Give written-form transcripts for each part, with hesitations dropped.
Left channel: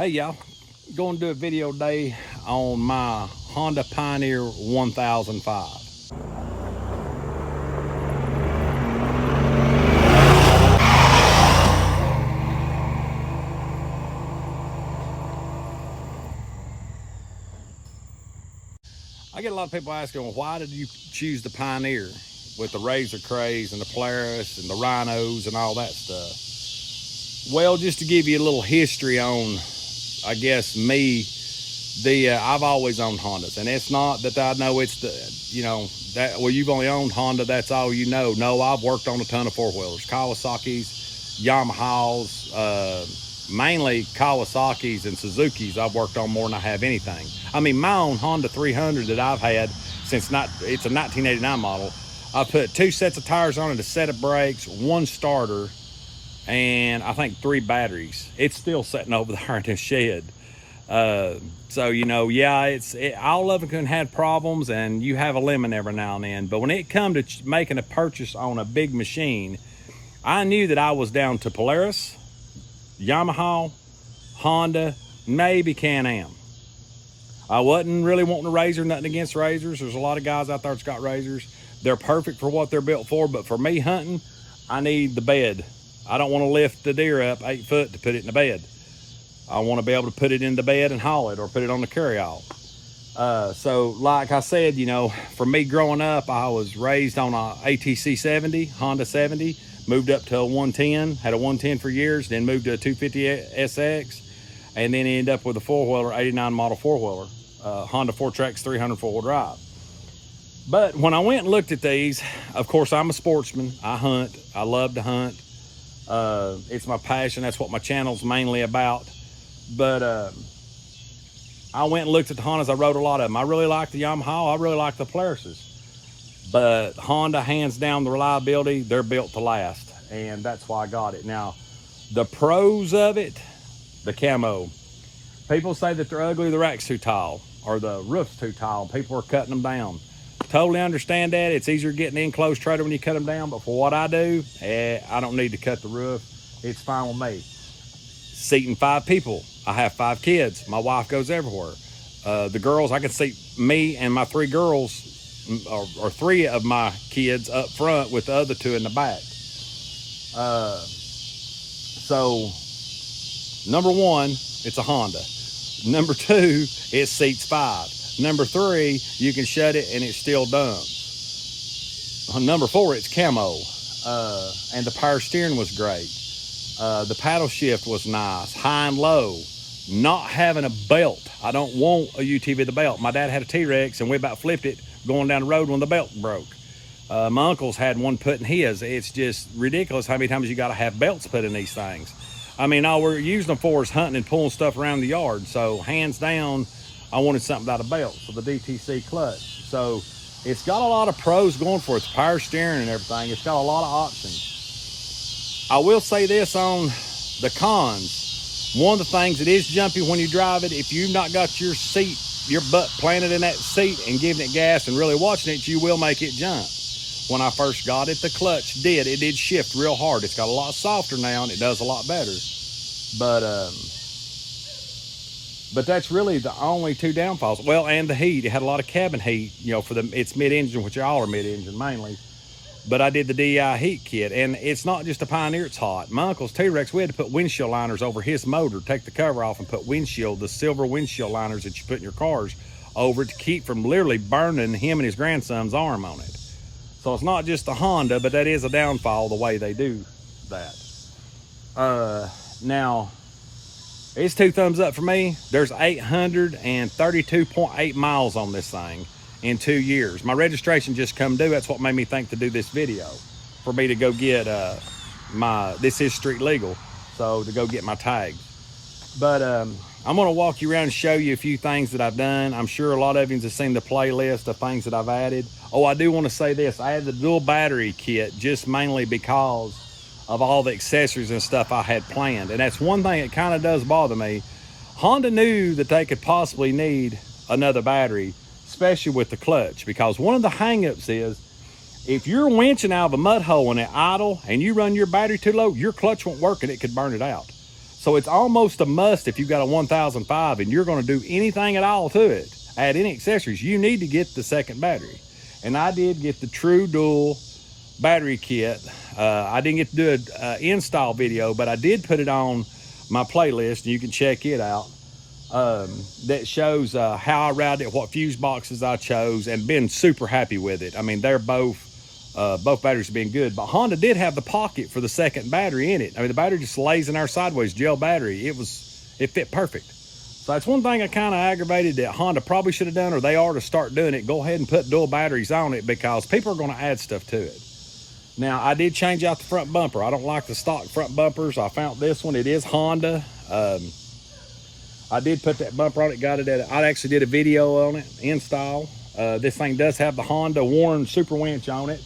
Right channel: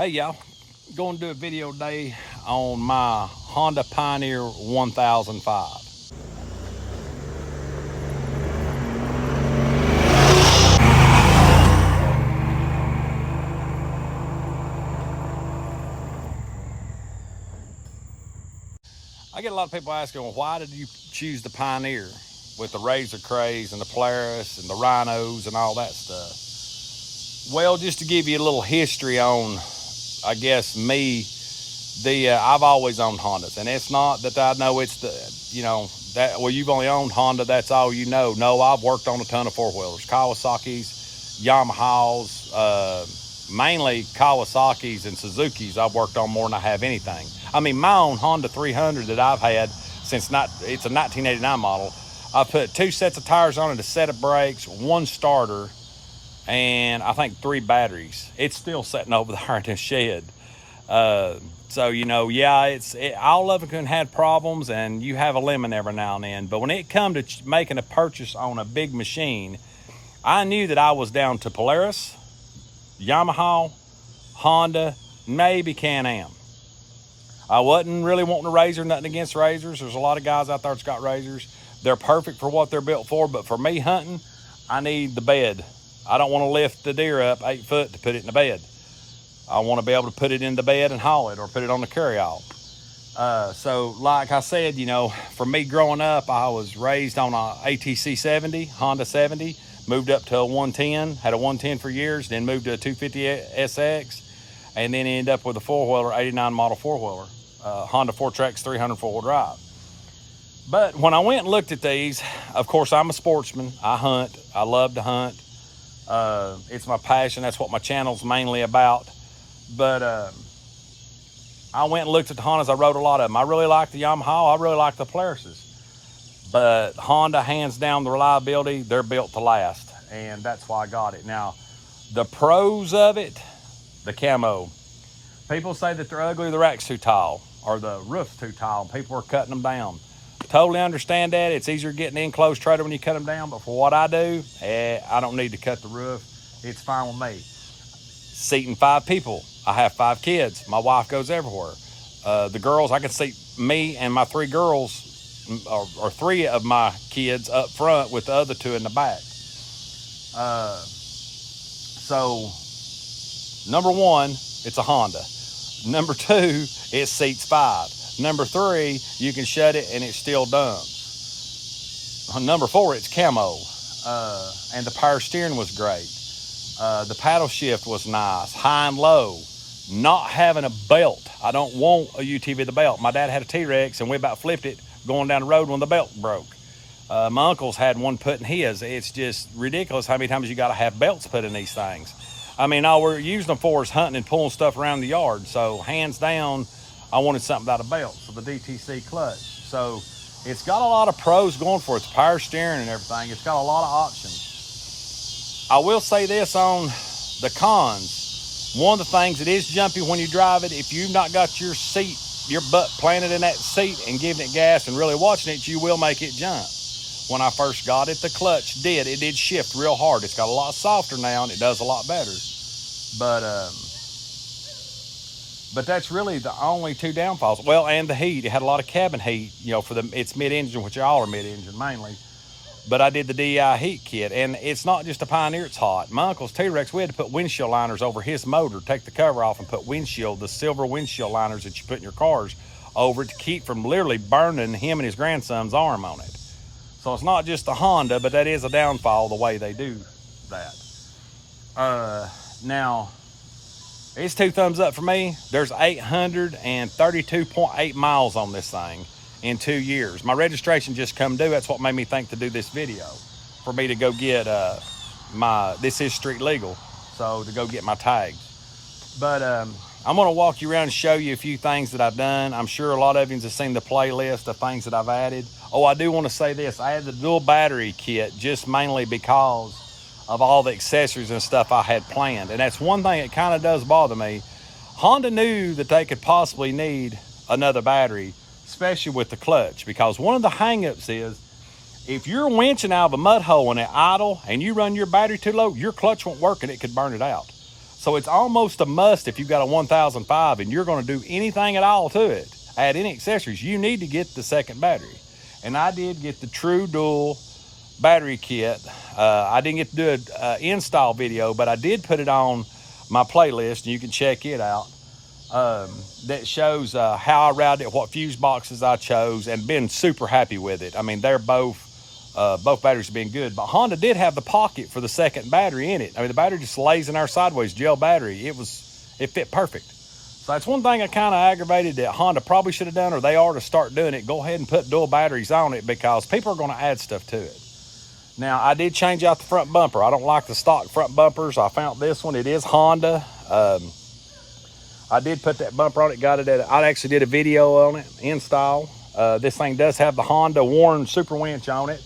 Hey y'all, going to do a video today on my Honda Pioneer 1005. I get a lot of people asking, well, why did you choose the Pioneer with the Razor Craze and the Polaris and the Rhinos and all that stuff? Well, just to give you a little history on, I guess, me, I've always owned Hondas, and it's not that I know it's well, you've only owned Honda, that's all you know. No, I've worked on a ton of four-wheelers, Kawasaki's, Yamahas, mainly Kawasaki's and Suzuki's I've worked on more than I have anything. I mean, my own Honda 300 that I've had since it's a 1989 model, I put 2 sets of tires on it, a set of brakes, 1 starter, and I think 3 batteries. It's still sitting over there in the shed. So, yeah, all of it can have problems, and you have a lemon every now and then. But when it come to making a purchase on a big machine, I knew that I was down to Polaris, Yamaha, Honda, maybe Can-Am. I wasn't really wanting a Razor, nothing against Razors. There's a lot of guys out there that's got Razors. They're perfect for what they're built for, but for me hunting, I need the bed. I don't want to lift the deer up 8 foot to put it in the bed. I want to be able to put it in the bed and haul it, or put it on the carryall. So like I said, for me growing up, I was raised on a ATC 70, Honda 70, moved up to a 110, had a 110 for years, then moved to a 250 SX, and then ended up with a 4-wheeler, 89 model 4-wheeler, Honda 4Trax 300 4-wheel drive. But when I went and looked at these, of course, I'm a sportsman. I hunt. I love to hunt. It's my passion. That's what my channel's mainly about. But I went and looked at the Hondas. I rode a lot of them. I really like the Yamaha. I really like the Polarises. But Honda, hands down, the reliability, they're built to last. And that's why I got it. Now, the pros of it, the camo. People say that they're ugly, the rack's too tall, or the roof's too tall. People are cutting them down. Totally understand that. It's easier getting in close trader when you cut them down. But for what I do, I don't need to cut the roof. It's fine with me. Seating 5 people. I have 5 kids. My wife goes everywhere. The girls, I can seat me and my 3 girls, or 3 of my kids up front with the other 2 in the back. So, number 1, it's a Honda. Number 2, it seats 5. Number 3, you can shut it and it still dumps. Number 4, it's camo. And the power steering was great. The paddle shift was nice, high and low. Not having a belt. I don't want a UTV with a belt. My dad had a T-Rex and we about flipped it going down the road when the belt broke. My uncle's had one put in his. It's just ridiculous how many times you got to have belts put in these things. I mean, all we're using them for is hunting and pulling stuff around the yard. So hands down, I wanted something without a belt, so the DTC clutch. So it's got a lot of pros going for it. The power steering and everything. It's got a lot of options. I will say this on the cons. One of the things that is jumpy when you drive it, if you've not got your seat, your butt planted in that seat and giving it gas and really watching it, you will make it jump. When I first got it, the clutch it did shift real hard. It's got a lot softer now and it does a lot better. But that's really the only 2 downfalls. Well, and the heat. It had a lot of cabin heat, for its mid-engine, which all are mid-engine mainly. But I did the DI heat kit, and it's not just a Pioneer, it's hot. My uncle's T-Rex, we had to put windshield liners over his motor, take the cover off and put the silver windshield liners that you put in your cars over it to keep from literally burning him and his grandson's arm on it. So it's not just the Honda, but that is a downfall the way they do that. Now, it's 2 thumbs up for me. There's 832.8 miles on this thing in 2 years. My registration just come due. That's what made me think to do this video, for me to go get this is street legal, so to go get my tags. But I'm gonna walk you around and show you a few things that I've done. I'm sure a lot of you have seen the playlist of things that I've added. Oh, I do want to say this. I added the dual battery kit just mainly because of all the accessories and stuff I had planned. And that's one thing that kind of does bother me. Honda knew that they could possibly need another battery, especially with the clutch, because one of the hangups is if you're winching out of a mud hole and it idle and you run your battery too low, your clutch won't work and it could burn it out. So it's almost a must if you've got a 1005 and you're going to do anything at all to it, add any accessories, you need to get the second battery. And I did get the True Dual battery kit. I didn't get to do an install video, but I did put it on my playlist, and you can check it out. That shows how I routed it, what fuse boxes I chose, and been super happy with it. I mean, they're both batteries have been good, but Honda did have the pocket for the second battery in it. I mean, the battery just lays in our sideways gel battery. It fit perfect. So that's one thing I kind of aggravated that Honda probably should have done, or they are to start doing it. Go ahead and put dual batteries on it, because people are going to add stuff to it. Now, I did change out the front bumper. I don't like the stock front bumpers. I found this one. It is Honda. I did put that bumper on it. I actually did a video on it, install. This thing does have the Honda Warren Super Winch on it.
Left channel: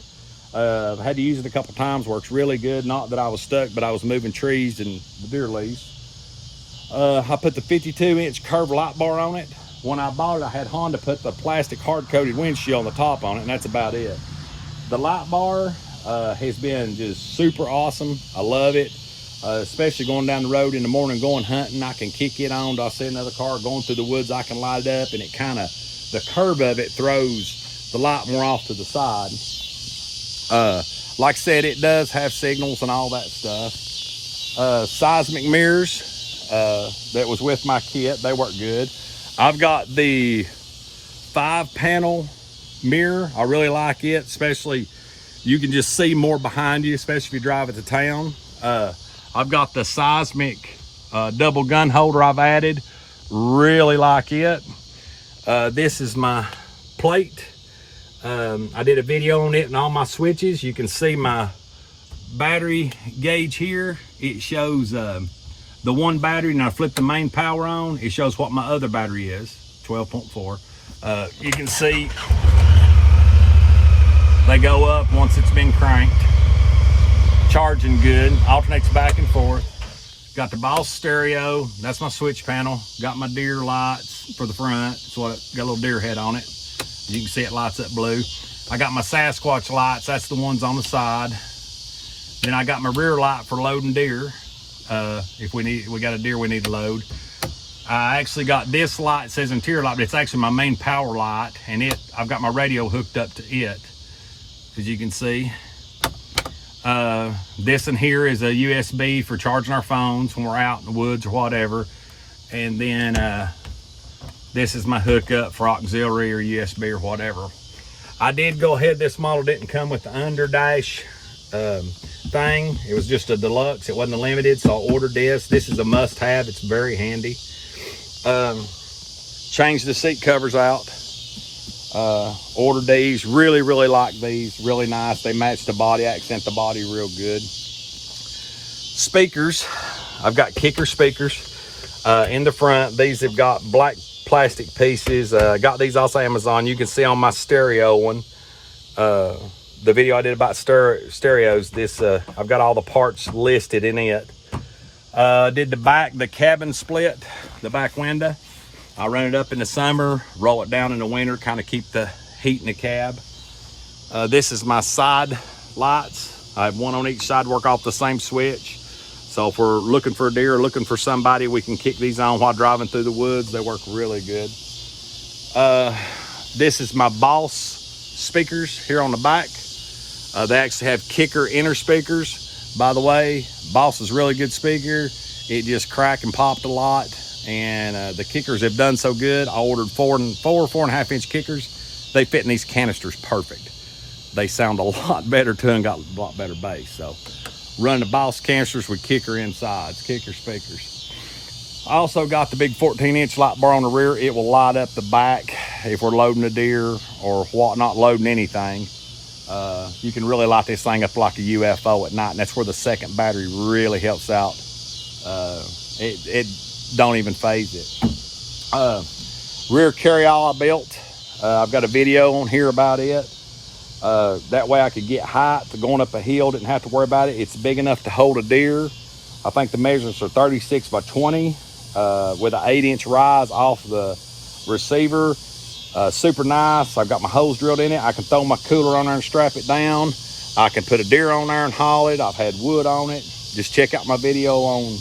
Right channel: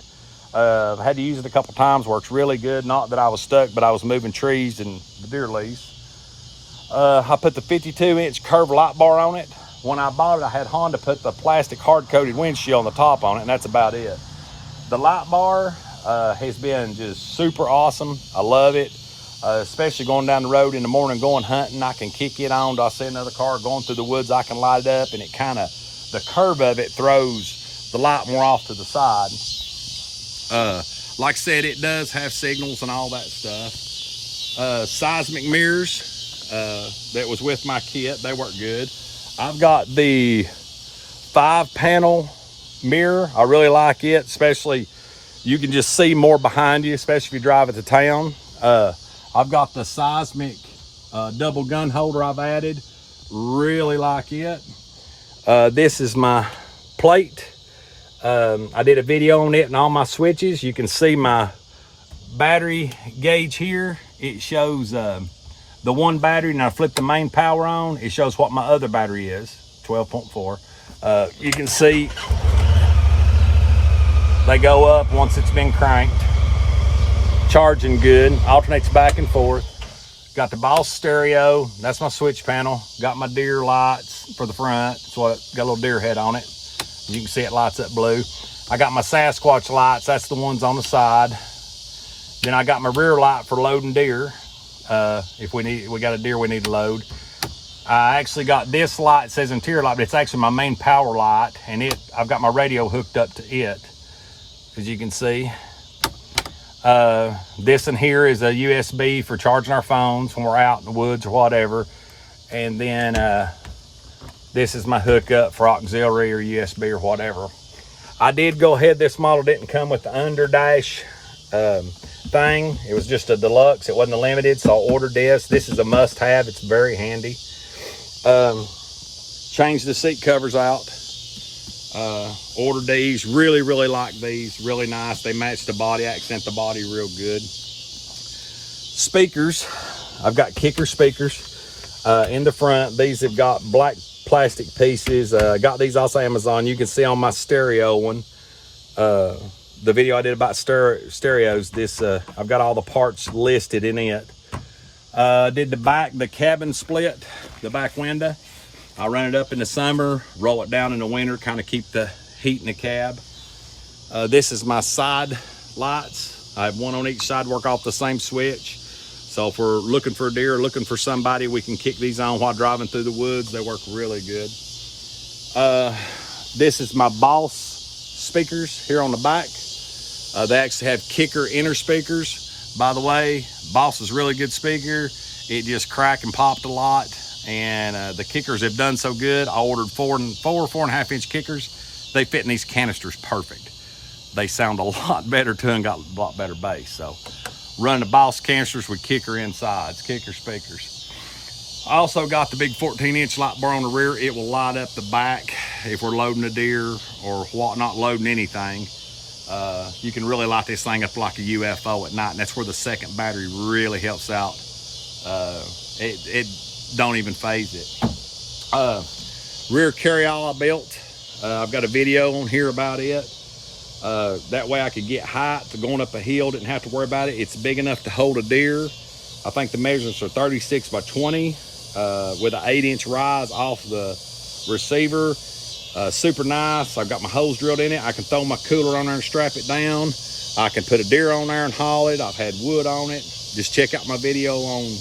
I had to use it a couple times. Works really good. Not that I was stuck, but I was moving trees and the deer leaves. I put the 52-inch curved light bar on it. When I bought it, I had Honda put the plastic hard-coated windshield on the top on it, and that's about it. The light bar has been just super awesome. I love it, especially going down the road in the morning, going hunting. I can kick it on. I see another car going through the woods, I can light it up, and it kind of, the curve of it throws the light more off to the side. Like I said, it does have signals and all that stuff. Seismic mirrors that was with my kit, they work good. I've got the 5-panel mirror. I really like it, especially you can just see more behind you, especially if you drive it to town. I've got the seismic double gun holder I've added. Really like it. This is my plate. I did a video on it and all my switches. You can see my battery gauge here. It shows the one battery, and I flip the main power on. It shows what my other battery is, 12.4. You can see they go up once it's been cranked. Charging good, alternates back and forth. Got the Boss stereo, that's my switch panel. Got my deer lights for the front, so it got a little deer head on it. You can see it lights up blue. I got my Sasquatch lights, that's the ones on the side. Then I got my rear light for loading deer. If we got a deer we need to load. I actually got this light, it says interior light, but it's actually my main power light, and I've got my radio hooked up to it, as you can see. This in here is a USB for charging our phones when we're out in the woods or whatever. And then this is my hookup for auxiliary or USB or whatever. I did go ahead, this model didn't come with the underdash thing. It was just a deluxe, it wasn't a limited, so I ordered this. This is a must-have, it's very handy. Changed the seat covers out. Ordered these, really like these, really nice. They match the body, accent the body real good. Speakers, I've got kicker speakers in the front. These have got black plastic pieces. Got these off Amazon. You can see on my stereo one, the video I did about stereos, this I've got all the parts listed in it. Did the cabin split, the back window. I run it up in the summer, roll it down in the winter, kind of keep the heat in the cab. This is my side lights. I have one on each side, work off the same switch. So if we're looking for a deer or looking for somebody, we can kick these on while driving through the woods. They work really good. This is my Boss speakers here on the back. They actually have kicker inner speakers. By the way, Boss is really good speaker. It just cracked and popped a lot. And the kickers have done so good. I ordered 4.5 inch kickers. They fit in these canisters perfect. They sound a lot better too and got a lot better bass. So run the Boss canisters with kicker insides, kicker speakers. I also got the big 14-inch light bar on the rear. It will light up the back if we're loading a deer or not loading anything. You can really light this thing up like a UFO at night, and that's where the second battery really helps out. It don't even phase it. Rear carryall I built. I've got a video on here about it. That way I could get height to going up a hill, didn't have to worry about it. It's big enough to hold a deer. I think the measurements are 36 by 20 with an 8-inch rise off the receiver. Super nice. I've got my hose drilled in it. I can throw my cooler on there and strap it down. I can put a deer on there and haul it. I've had wood on it. Just check out my video on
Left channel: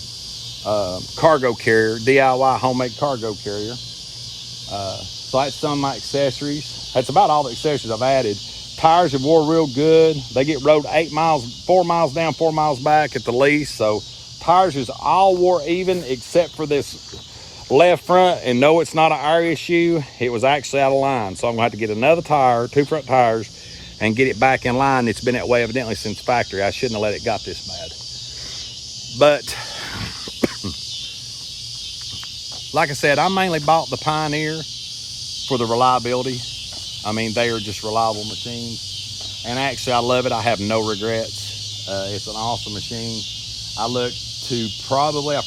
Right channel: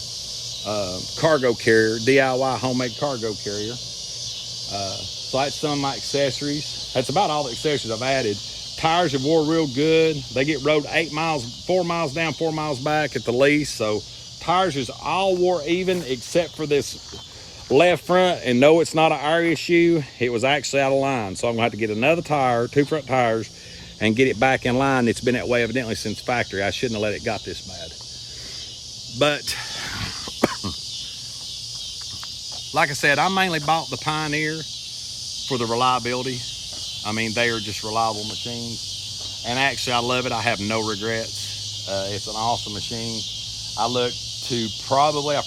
cargo carrier, DIY homemade cargo carrier. So that's some of my accessories. That's about all the accessories I've added. Tires have wore real good. They get rode 8 miles, 4 miles down, 4 miles back at the least. So tires is all wore even except for this left front. And no, it's not an air issue. It was actually out of line. So I'm gonna have to get another tire, 2 front tires, and get it back in line. It's been that way evidently since factory. I shouldn't have let it got this bad. But like I said, I mainly bought the Pioneer for the reliability. I mean, they are just reliable machines. And actually, I love it. I have no regrets. It's an awesome machine. I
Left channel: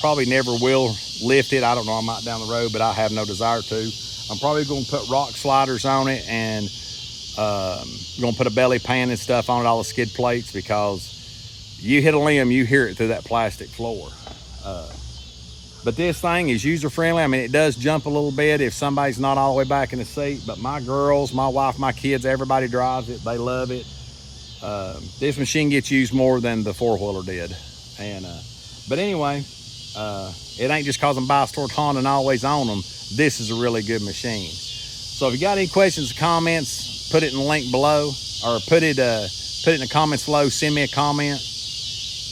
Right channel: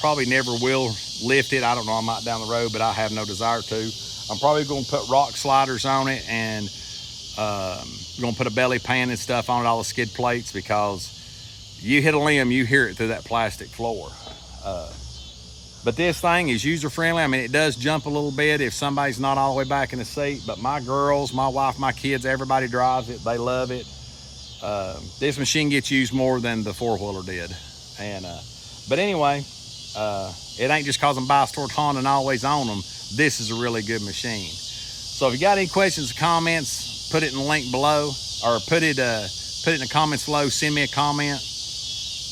probably never will lift it. I don't know, I might down the road, but I have no desire to. I'm probably going to put rock sliders on it and going to put a belly pan and stuff on it, all the skid plates, because you hit a limb, you hear it through that plastic floor. But this thing is user-friendly. I mean, it does jump a little bit if somebody's not all the way back in the seat, but my girls, my wife, my kids, everybody drives it. They love it. This machine gets used more than the four-wheeler did. But anyway, it ain't just cause I'm biased toward Honda and always own them. This is a really good machine. So if you got any questions or comments, put it in the link below, or put it in the comments below, send me a comment,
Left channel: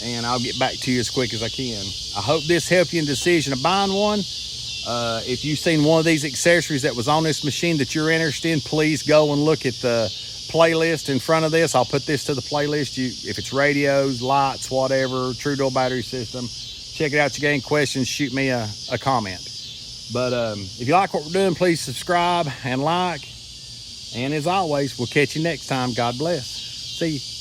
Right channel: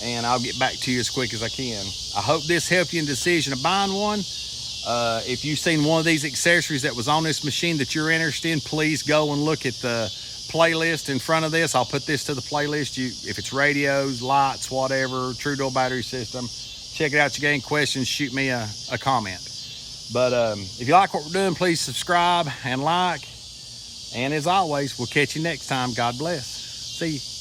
and I'll get back to you as quick as I can. I hope this helped you in the decision of buying one. If you've seen one of these accessories that was on this machine that you're interested in, please go and look at the playlist in front of this. I'll put this to the playlist. If it's radios, lights, whatever, true door battery system, check it out. You got any questions, shoot me a comment. But if you like what we're doing, please subscribe and like. And as always, we'll catch you next time. God bless. See you.